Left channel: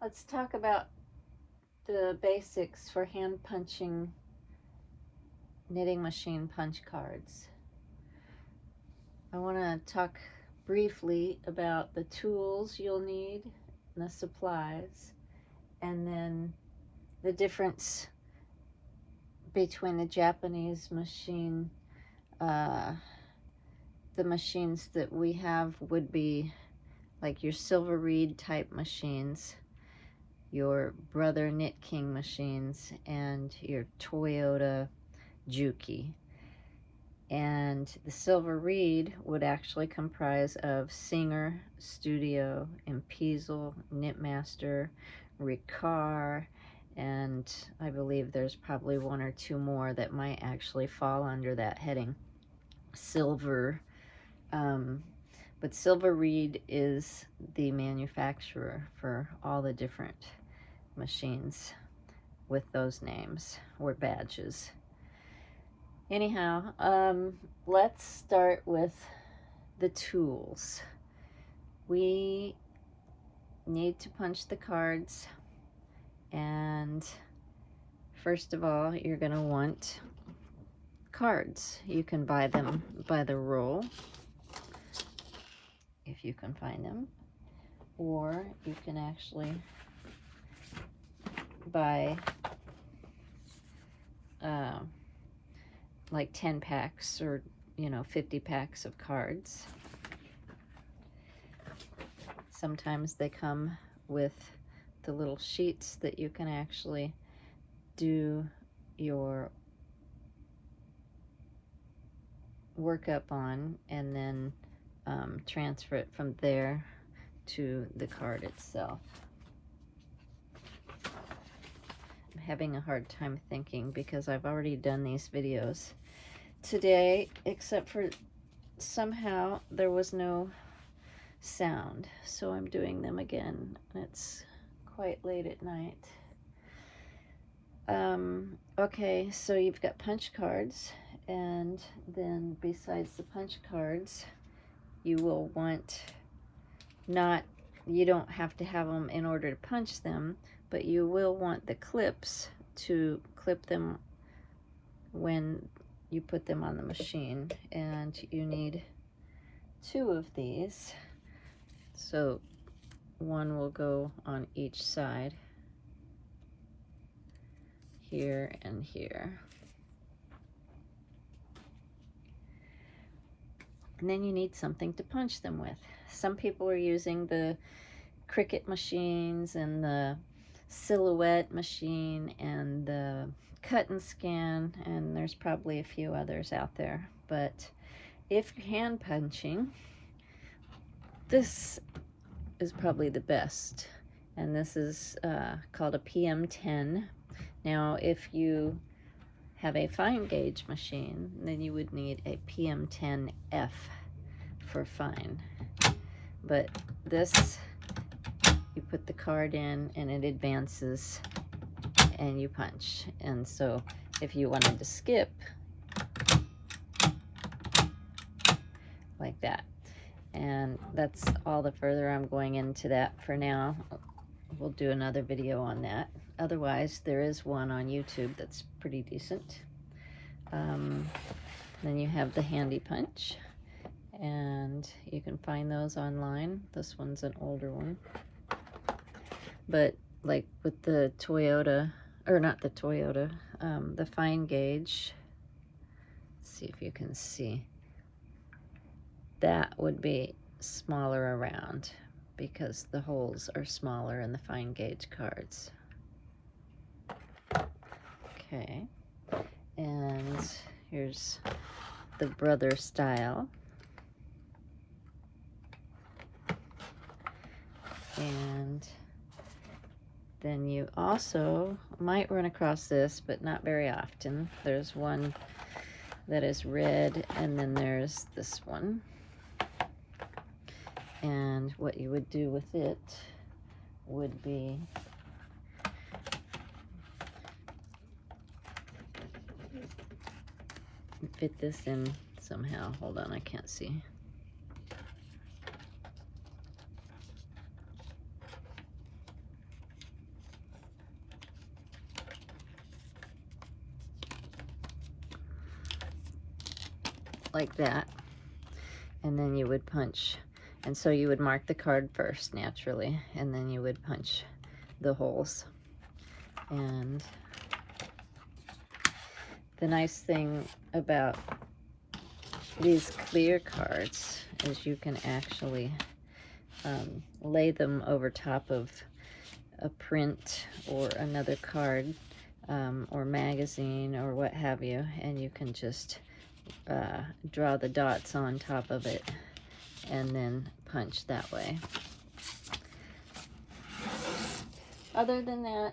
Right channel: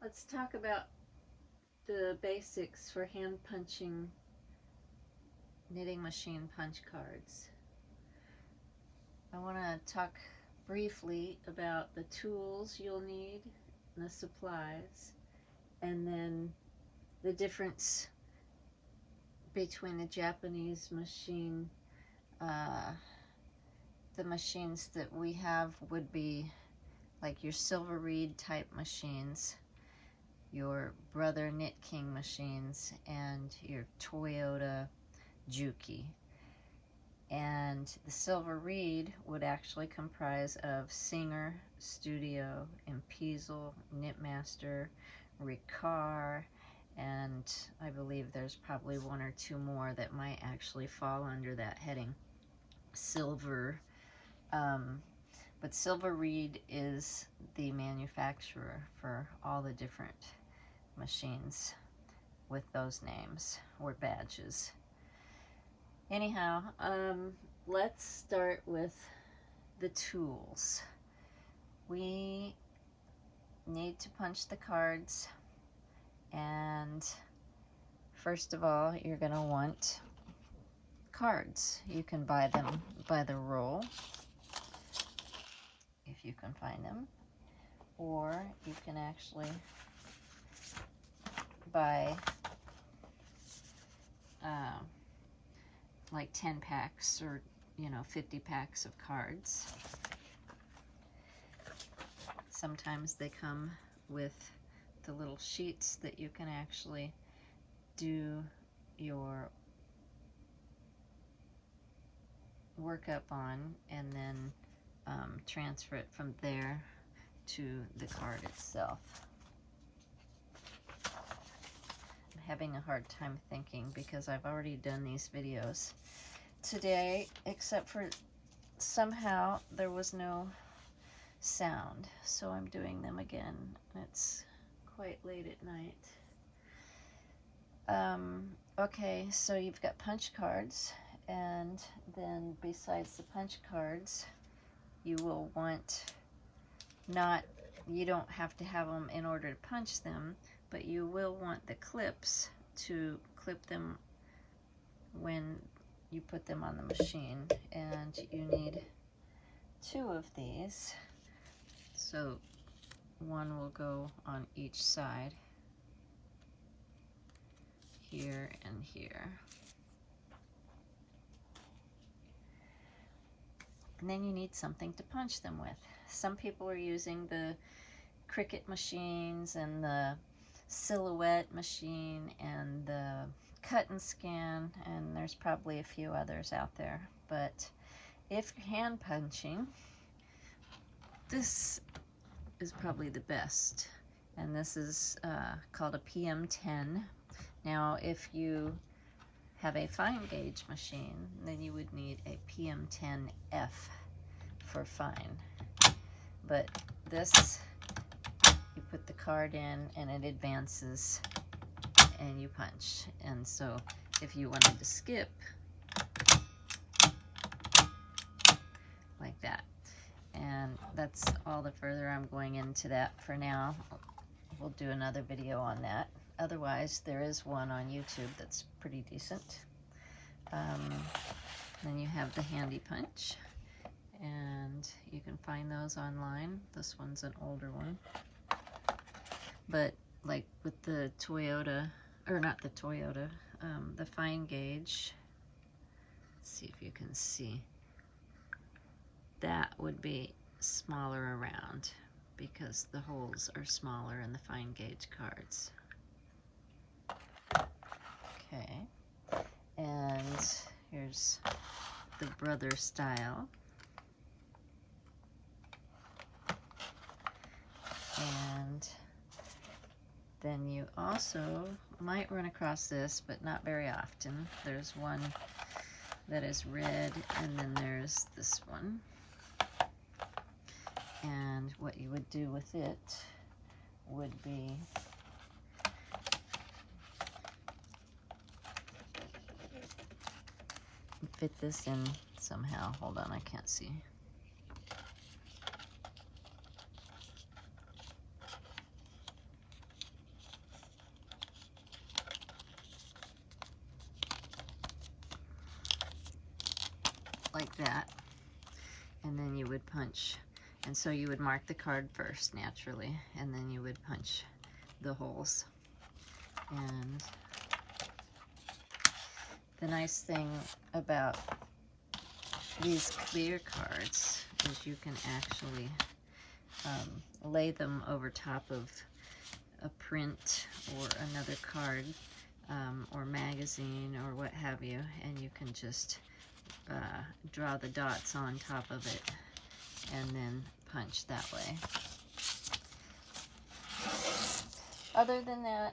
Let's talk about the basics for hand punching knitting machine punch cards. I want to talk briefly about the tools you'll need and the supplies, and then the difference between the Japanese machine. The machines that we have would be like your Silver Reed type machines, your Brother Knitking machines, and your Toyota Juki. And the Silver Reed would actually comprise of Singer, Studio, Impezel, Knitmaster, Ricard, and I believe there's probably one or two more that might actually fall under that heading. Silver, but Silver Reed is the manufacturer for all the different machines with those names or badges. Anyhow, let's start with the tools. We need to punch the cards, and first of all, you're going to want cards. You can buy them by the roll, if you can find them, or you can actually buy like 10 packs or 50 packs of cards. Sometimes they come with the little sheets that you can actually do your workup on, and then transfer it from there to the card itself. I'm having a hard time thinking because I've already done these videos today, except for somehow there was no sound, so I'm doing them again. It's quite late at night. Okay, so you've got punch cards, and then besides the punch cards, you will want you don't have to have them in order to punch them, but you will want the clips to clip them when you put them on the machine, and you need 2 of these. So one will go on each side, here and here. And then you need something to punch them with. Some people are using the Cricut machines and the Silhouette machine and the Cut and Scan, and there's probably a few others out there. But if you're hand punching, this is probably the best. And this is called a PM10. Now, if you have a fine gauge machine, then you would need a PM10F for fine. But this, you put the card in and it advances and you punch. And so if you wanted to skip, like that. And that's all the further I'm going into that for now. We'll do another video on that. Otherwise, there is one on YouTube that's pretty decent. Then you have the Handy Punch, and you can find those online. This one's an older one. But like with the Toyota, or not the Toyota, the fine gauge, let's see if you can see, that would be smaller around because the holes are smaller in the fine gauge cards. Okay, and here's the Brother style. And then you also might run across this, but not very often. There's one that is red, and then there's this one. And what you would do with it would be fit this in somehow. Hold on, I can't see. like that, and then you would punch. And so you would mark the card first, naturally, and then you would punch the holes. And the nice thing about these clear cards is you can actually lay them over top of a print or another card or magazine or what have you, and you can just draw the dots on top of it and then punch that way. Other than that,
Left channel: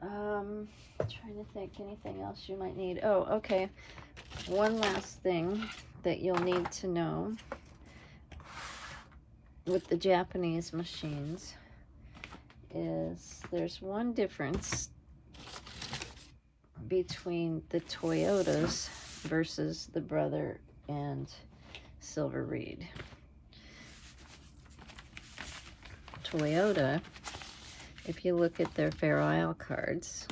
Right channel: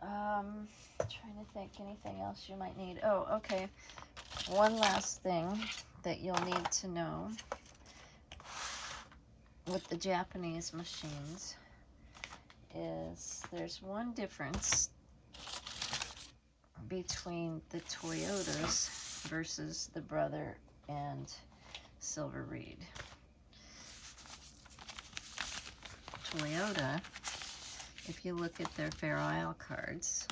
trying to think anything else you might need. Oh, okay. One last thing that you'll need to know with the Japanese machines is there's one difference between the Toyotas versus the Brother and Silver Reed. Toyota, if you look at their Fair Isle cards,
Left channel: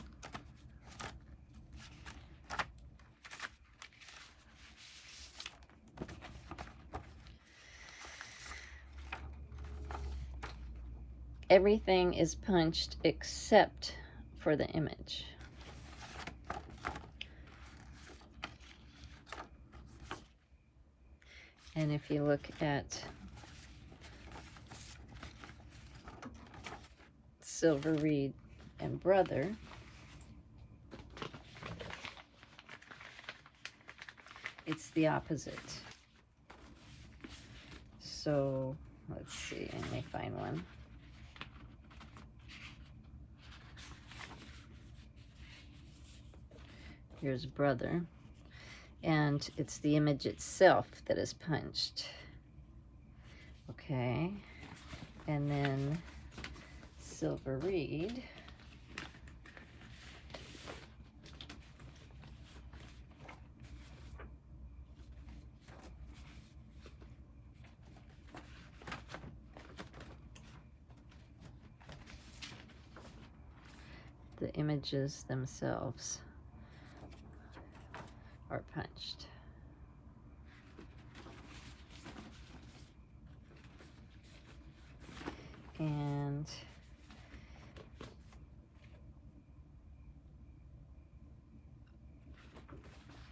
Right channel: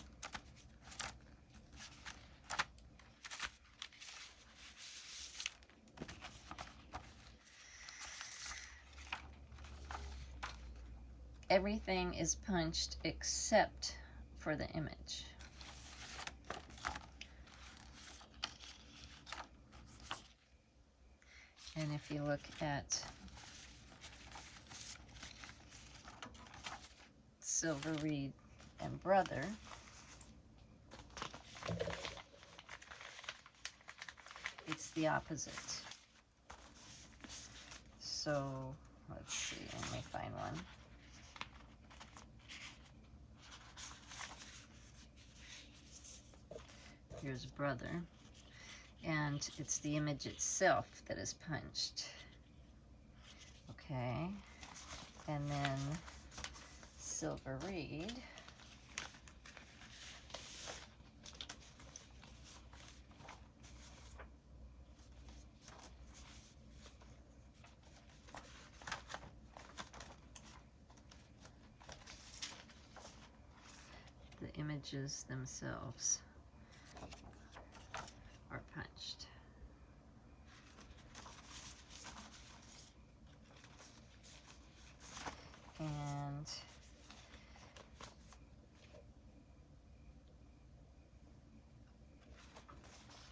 everything is punched except for the image. And if you look at Silver Reed and Brother, it's the opposite. So let's see, let me find one. Here's Brother, and it's the image itself that is punched. Okay, and then Silver Reed, the images themselves are punched. And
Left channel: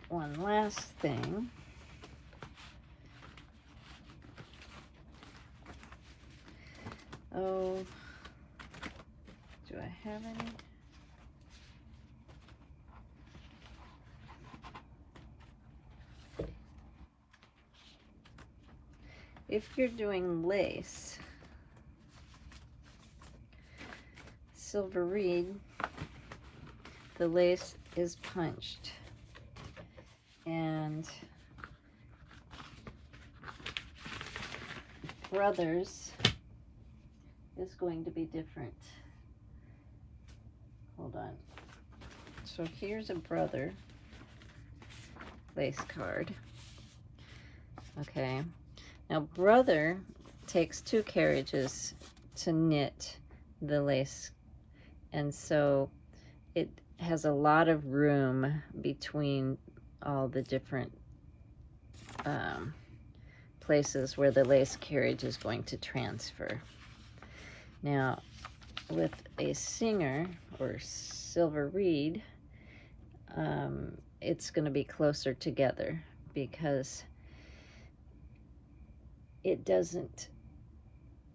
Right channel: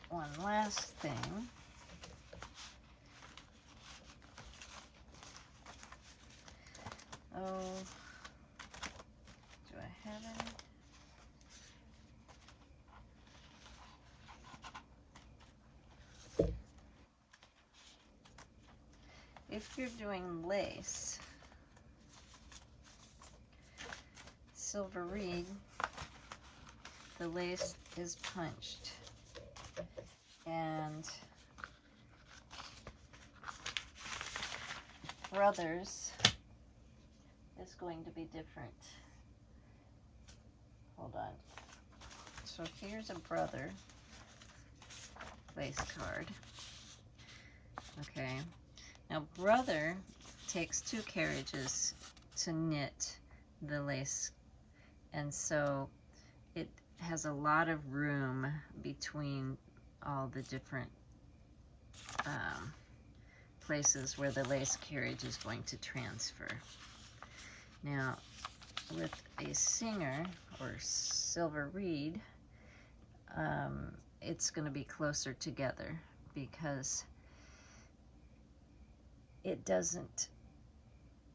one last thing. Oh, do I have any? If you're doing lace, Silver Reed, the lace is punched, and Brothers is going to be different. Hold on. So here's a Brother lace card. Okay. Now, Brother takes 2 carriages to knit the lace, and so it has a lot of room between all the different places where the lace carriage is going to transfer. Now, with a Singer or Silver Reed, it's going to be closer together because it doesn't,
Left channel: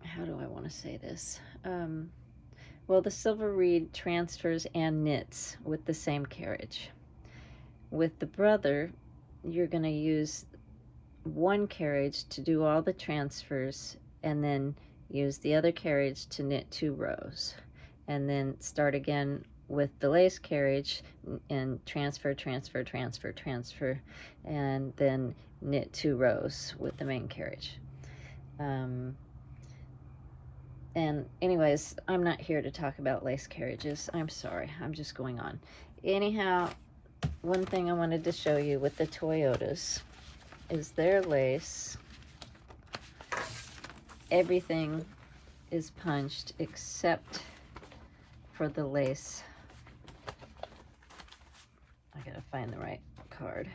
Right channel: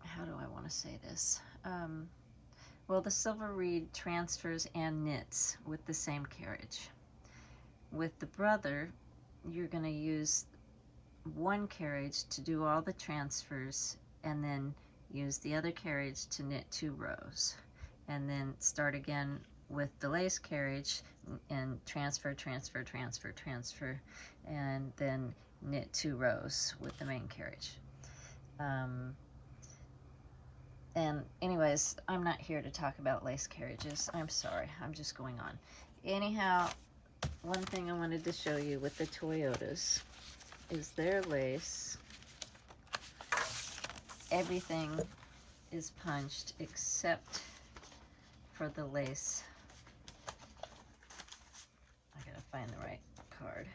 how do I want to say this? Well, the Silver Reed transfers and knits with the same carriage. With the Brother, you're going to use one carriage to do all the transfers and then use the other carriage to knit 2 rows. And then start again with the lace carriage and transfer, transfer, transfer, transfer, and then knit 2 rows with the main carriage. And anyways, I'm not here to talk about lace carriages. I'm sorry, I'm just going on. Anyhow, one thing I wanted to show you with the Toyotas is their lace. Everything is punched except for the lace. I gotta find the right card.